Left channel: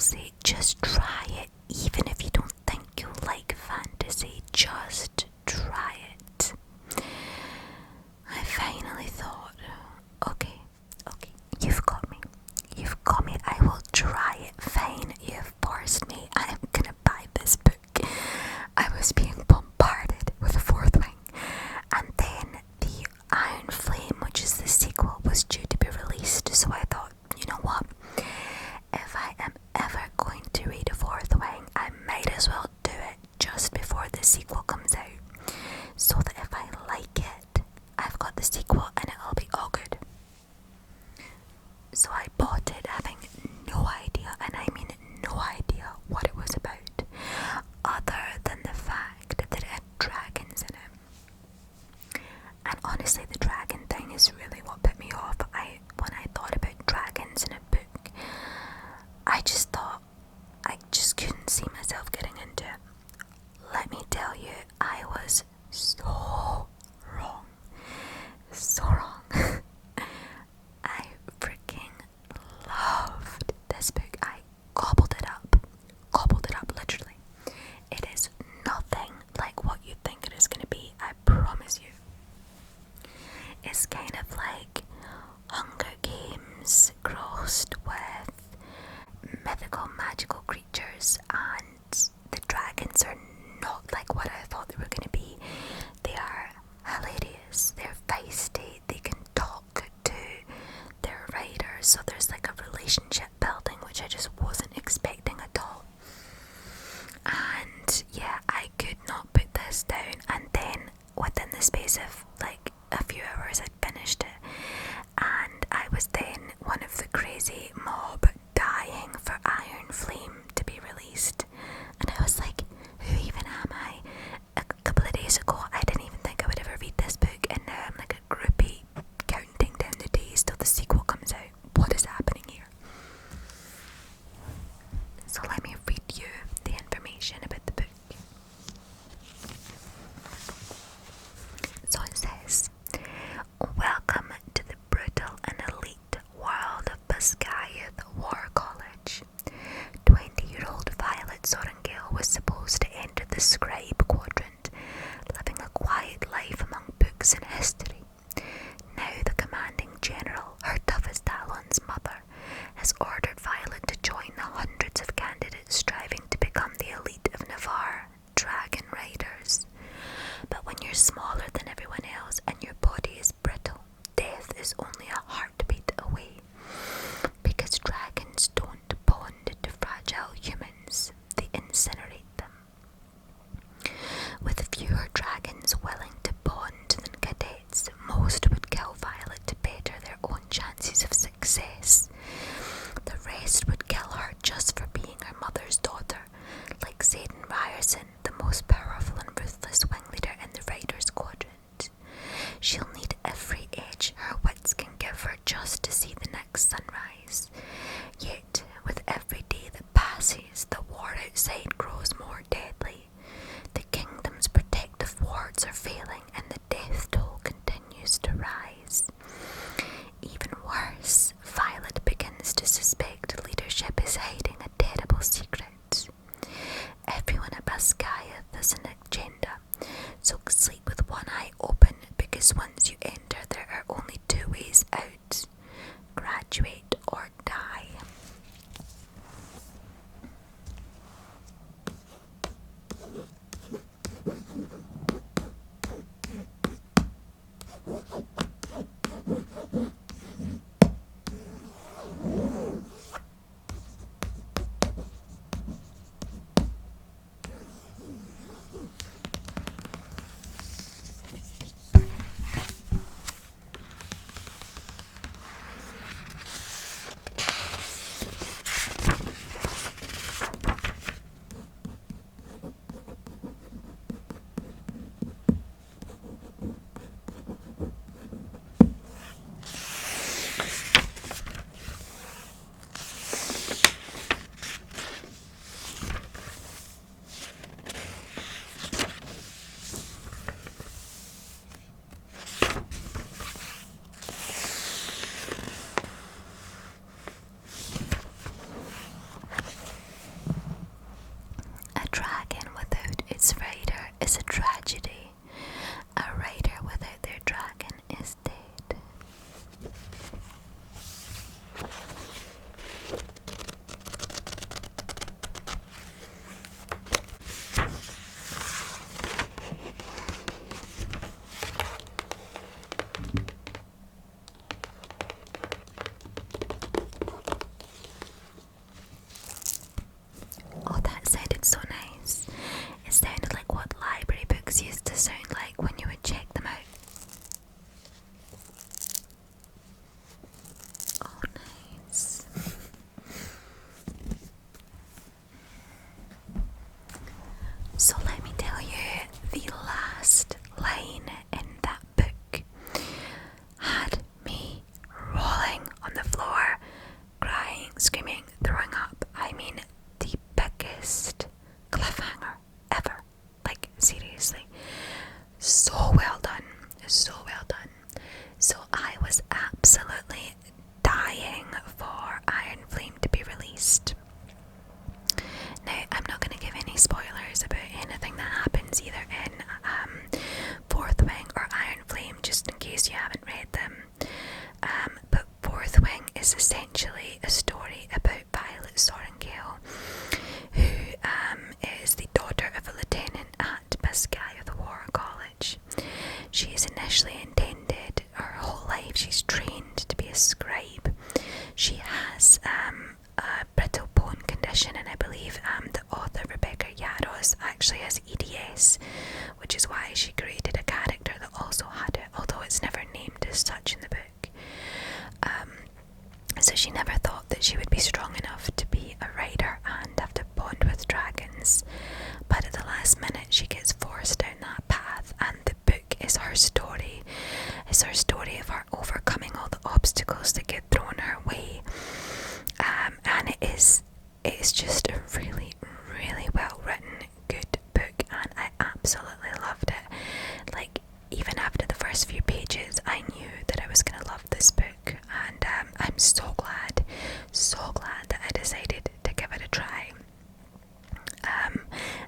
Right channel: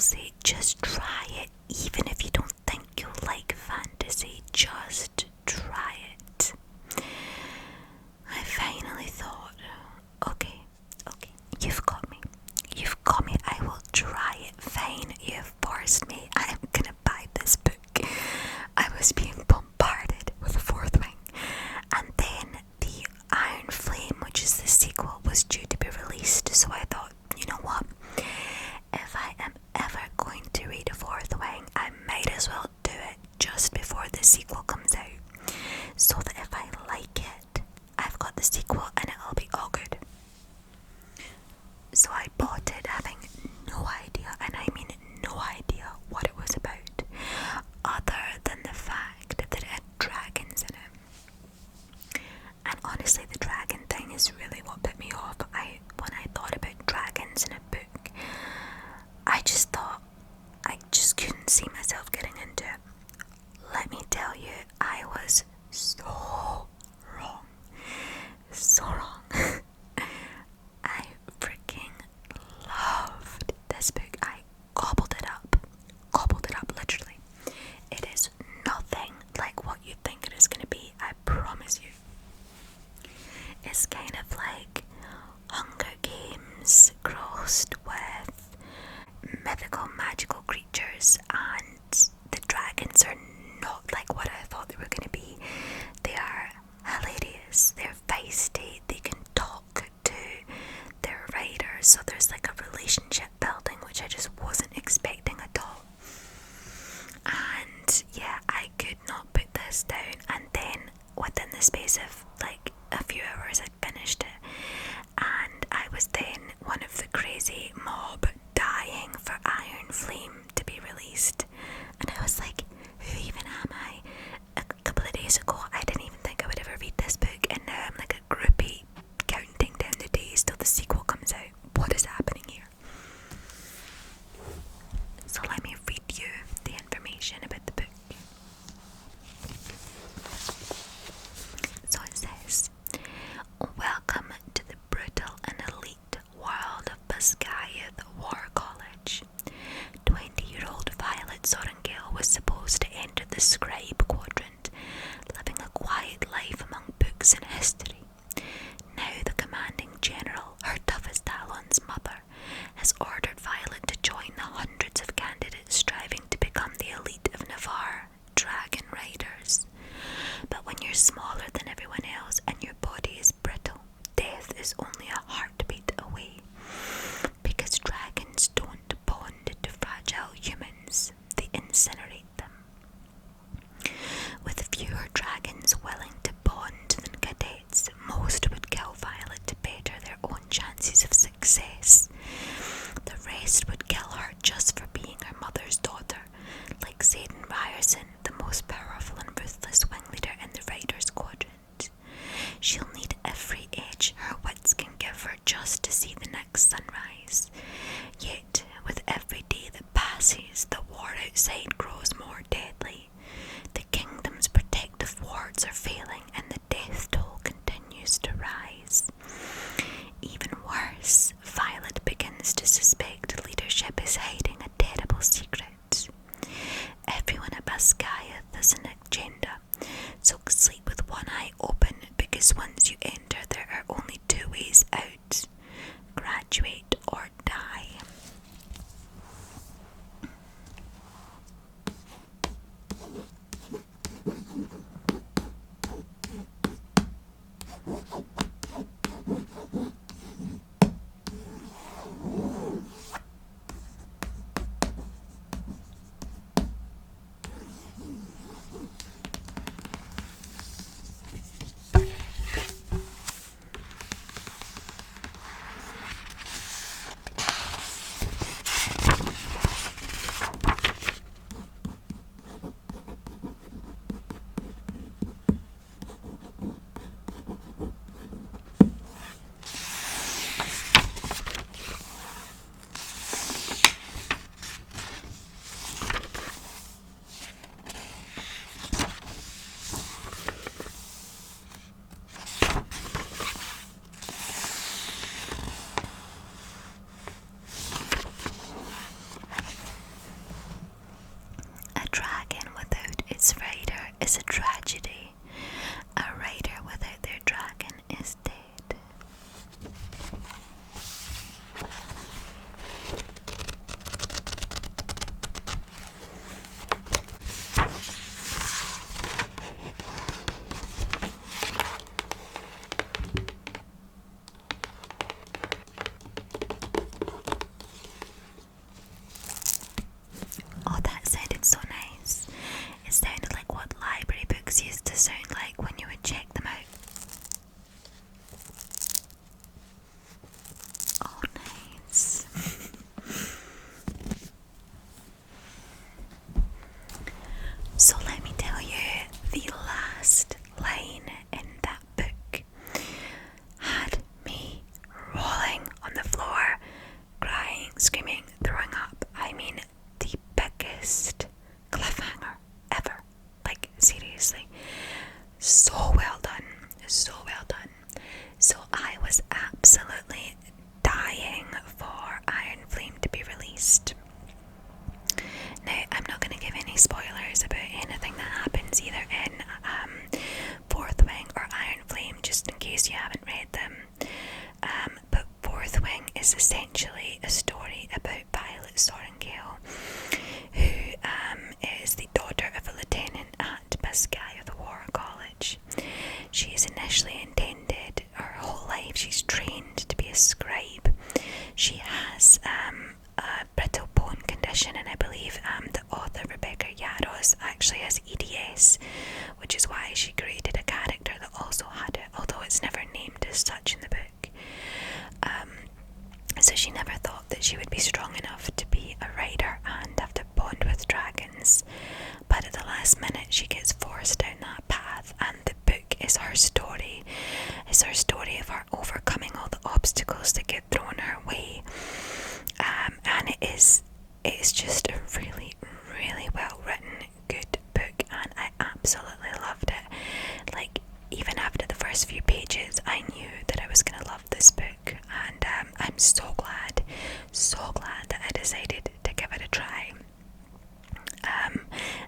say just try it, even if you don't think you'll like fantasy, just try it. I finally thought, okay, you've got me, I will try it, fine, you've forced me, I'm gonna buy this book. I was being bombarded with a fourth wing, and then the Iron Flame, which is the sequel, was due to be released, so I thought, you know what, if I am ever going to read a fourth wing, I might as well do it just before the sequel comes out, so that if I like it, I've got the sequel and it'll be all good. So I bought it having no idea, and I mean no idea what it was about, other than the fact that it had dragons in it. And honestly, the dragon thing is really what put me off. When I thought about dragons in a book, I just thought I just couldn't see myself getting into it. Let me tell you, I was so wrong. So wrong. I freaking loved this book. I gobbled it up literally. It is nothing like what you think it is going to be, I promise you. It's kind of like Hunger Games crossed with mythical magical creatures, and the dragons are not like what I thought they were going to be. They are hilarious, they're feisty, they can talk to their riders, so there's like a relationship building which I just wasn't expecting at all. And yeah, I could not put this down, and then within the space of like a few hours I finished it, and I was then one of the crazy mob dying for Iron Flame to be released, and I was like, who even am I? A couple of days ago I didn't even think I would ever read this book, and now I'm like a groupie counting down the days till the sequel comes out. What is happening here? So let me read you the information about the book. So it says, welcome to the brutal and elite world of Bascayath War College. 20-year-old Violet Sorrengale was supposed to enter the scribe quadrant, living a quiet life among books and history. Now the commanding general, her toughest Talon's mother, has ordered Violet to join the hundreds of candidates striving to become the elite of Navarre, dragon riders. But when you're smaller than everyone else and your body is brittle, death is only a heartbeat away. Because dragons don't bond to fragile humans, they incinerate them. With fewer dragons willing to bond than cadets, most would kill Violet to better their own chances of success. The rest would kill her just for being her mother's daughter, like Zayden Ryerson, the most powerful and ruthless wing leader in the Riders Quadrant. She'll need every edge her wits can give her just to see the next sunrise. Yet, with every day that passes, the war outside grows more deadly. The kingdom's protective wards are failing, and the death toll continues to rise. Even worse, Violet begins to suspect leadership is hiding a terrible secret. Everyone at Bascayath has an agenda, so sleep with one eye open, because once you enter there are only two ways out. screaming, throwing up. I mean, the biggest cliffhanger ever. Like, seriously. So well done. So well done. So I was absolutely dying for Iron Flame to be released. Now, I'm not going to give any spoilers about anything that happens either in Fourth Wing or Iron Flame, just in case you haven't read them. But Fourth Wing is essentially a story about Violet Sorrengail, who is the daughter of a lieutenant at Bascaia War College. She is initially intended, her whole life she's trained to be a scribe. She has a brittle bone condition, and I believe the author Rebecca Yarros actually has EDS, which is why she created a character that also had it, although it's never named as such in the book. So she never thought that she would be strong enough to be a rider and have to bond with dragons, but at the last minute she gets forced down that path, and the book is her story. It's her story of her overcoming all the obstacles that get thrown her way, and it's just a really, really well written, good book, and I absolutely loved it. Like, even after the first few pages, I knew that I was going to love this book, and I'm so glad that I decided to give it a try.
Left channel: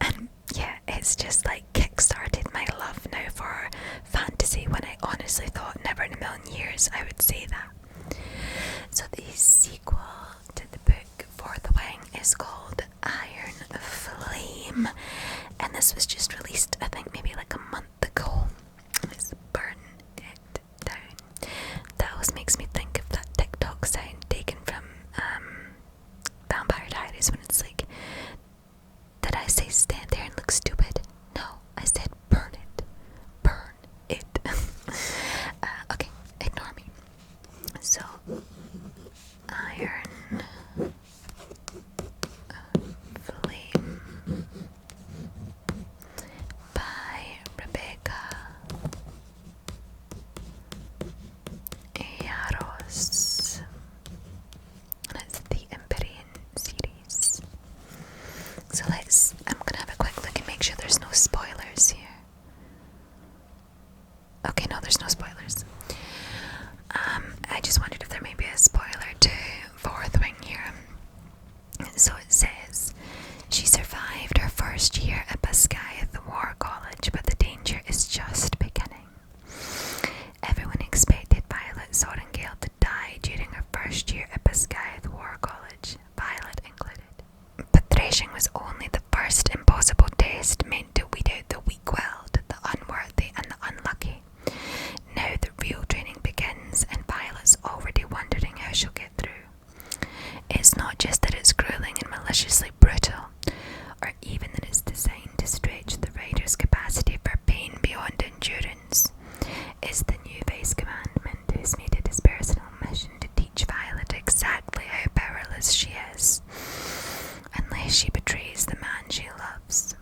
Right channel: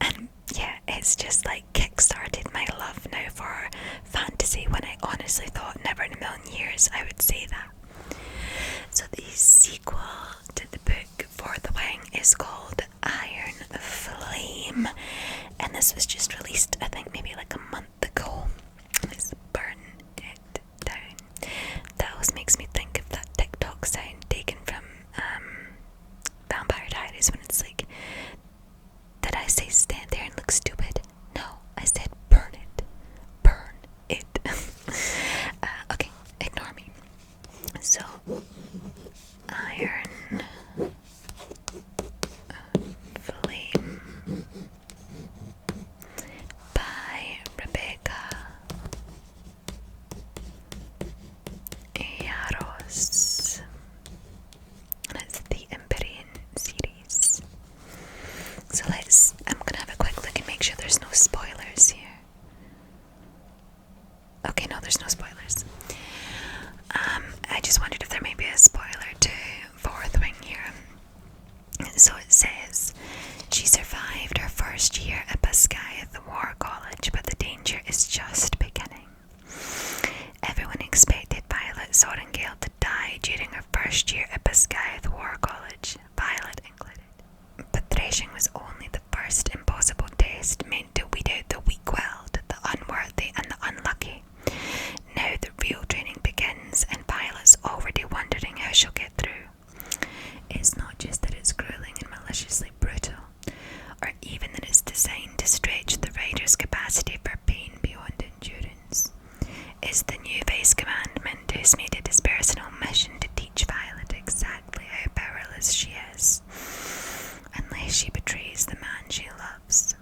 And yeah, it's just like kick-started my love now for fantasy, when I honestly thought never in a million years I would say that. So the sequel to the book For the Wing is called Iron Flame, and this was just released, I think maybe like a month ago. Let's burn it down. That always makes me think of that TikTok sound taken from Vampire Diaries, when it's like, did I say stand there and look stupid? No, I said burn it. Burn it. Okay, ignore me. So, Iron Flame by Rebecca Yarros, and it's the Empyrean series. So I'm gonna have a quick look and make sure there's no spoilers here. Okay, no, there's no spoilers. I just wondered if there may be a spoiler to Fourth Wing here. So it says, she survived her first year at Bascaia War College, but the danger is just beginning. Everyone expected Violet Sorrengail to die during her first year at Bascaia War College, Violet included. But threshing was only the first impossible test meant to weed out the weak-willed, the unworthy, and the unlucky. Now the real training begins, and Violet's already wondering how she'll get through. It's not just that it's grueling and maliciously brutal, or even that it's designed to stretch the rider's capacity for pain beyond endurance. It's the new Vice Commandant who's made it his personal mission to teach Violet exactly how powerless she is, unless she betrays the man she loves.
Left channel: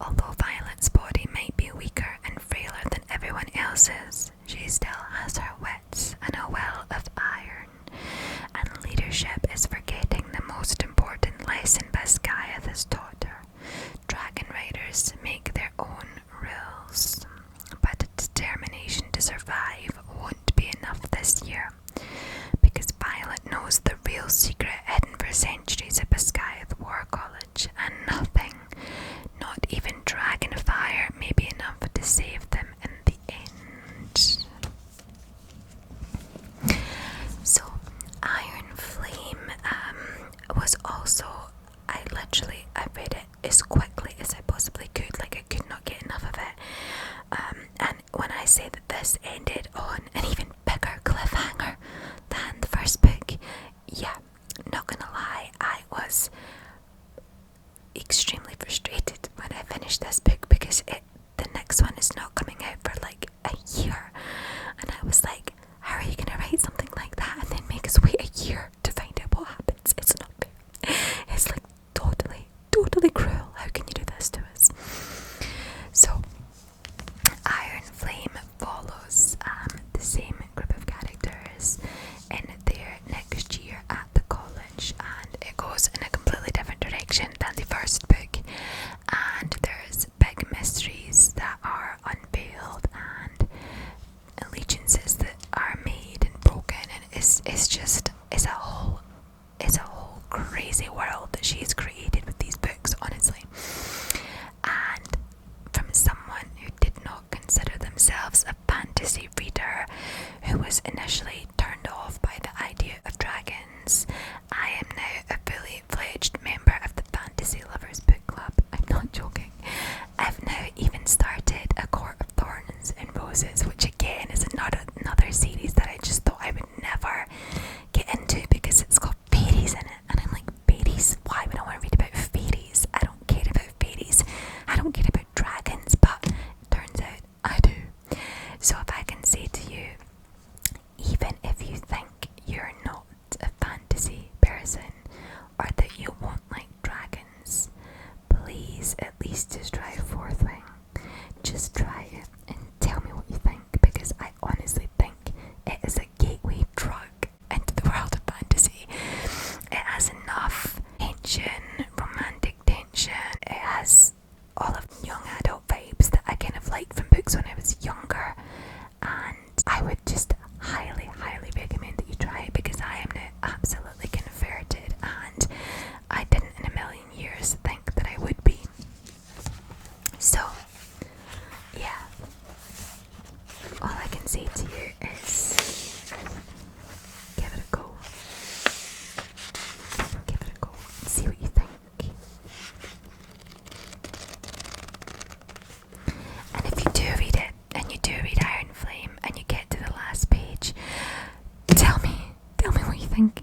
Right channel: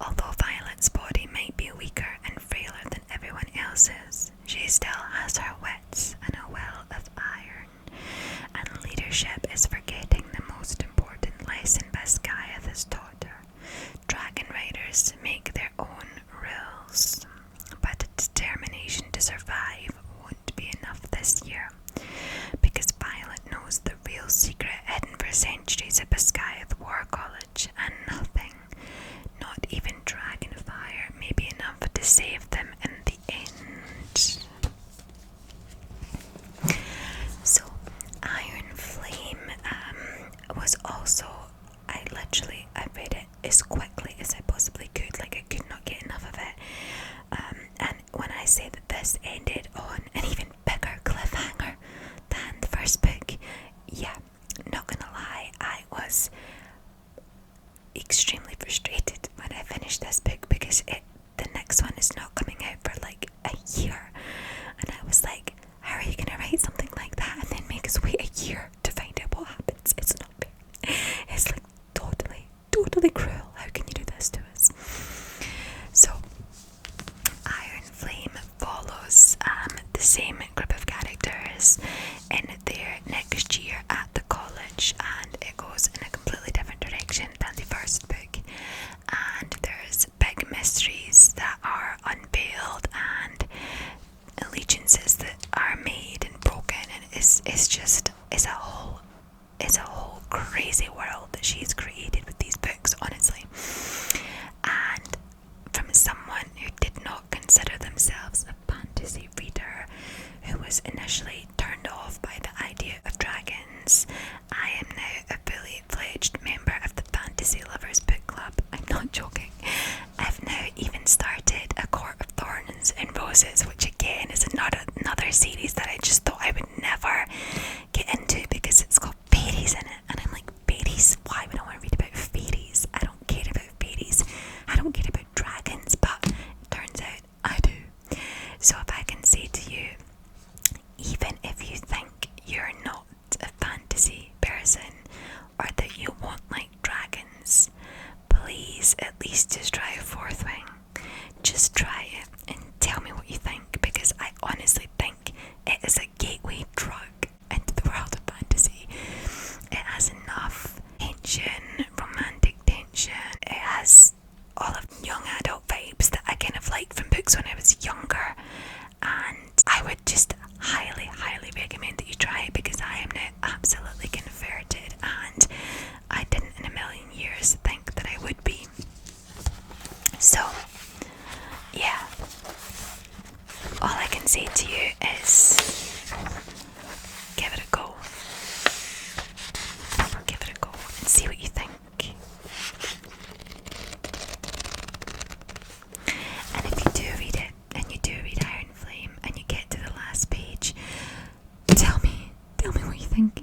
Although Violet's body might be weaker and frailer than everyone else's, she still has her wits and a well of iron, and leadership is forgetting the most important lesson Bascaia has taught her. Dragon riders make their own rules, but a determination to survive won't be enough this year, because Violet knows the real secret hidden for centuries at Bascaia War College, and nothing, not even dragon fire, may be enough to save them in the end. So, Iron Flame is a whole crazy world that she's created with these books, honestly. And from someone who did not consider themselves a fantasy reader, who was initially turned off by the idea of dragons, I am now a fully fledged member of the Fantasy Lovers Book Club. I'm not joking. I've now even started A Court of Thorns and Roses, which again is another series that I just thought I would never get into because it's got fairies in it. And I'm like, fairies? Why would I want to read about fairies? I don't care about fairies. I don't care about dragons, but it turns out I do. So if I can say to you, even if you think you're not a fantasy person or that you won't like dragons, please at least just try a fourth wing. Just try it and tell me what you think, because I honestly think it is a gateway drug into the world of fantasy. It has enough tension, romantic tension. It has all of young adult vibes that I kind of liked from books when I was younger, and I would just highly recommend that you try it, because I am now absolutely converted, and I didn't in a million years think that I would be. So yeah, all I can say to you is give it a go. Give it a go and see what you think. And if you do read it, and you do read Iron Flame, and you get to the last page, tell me what you think.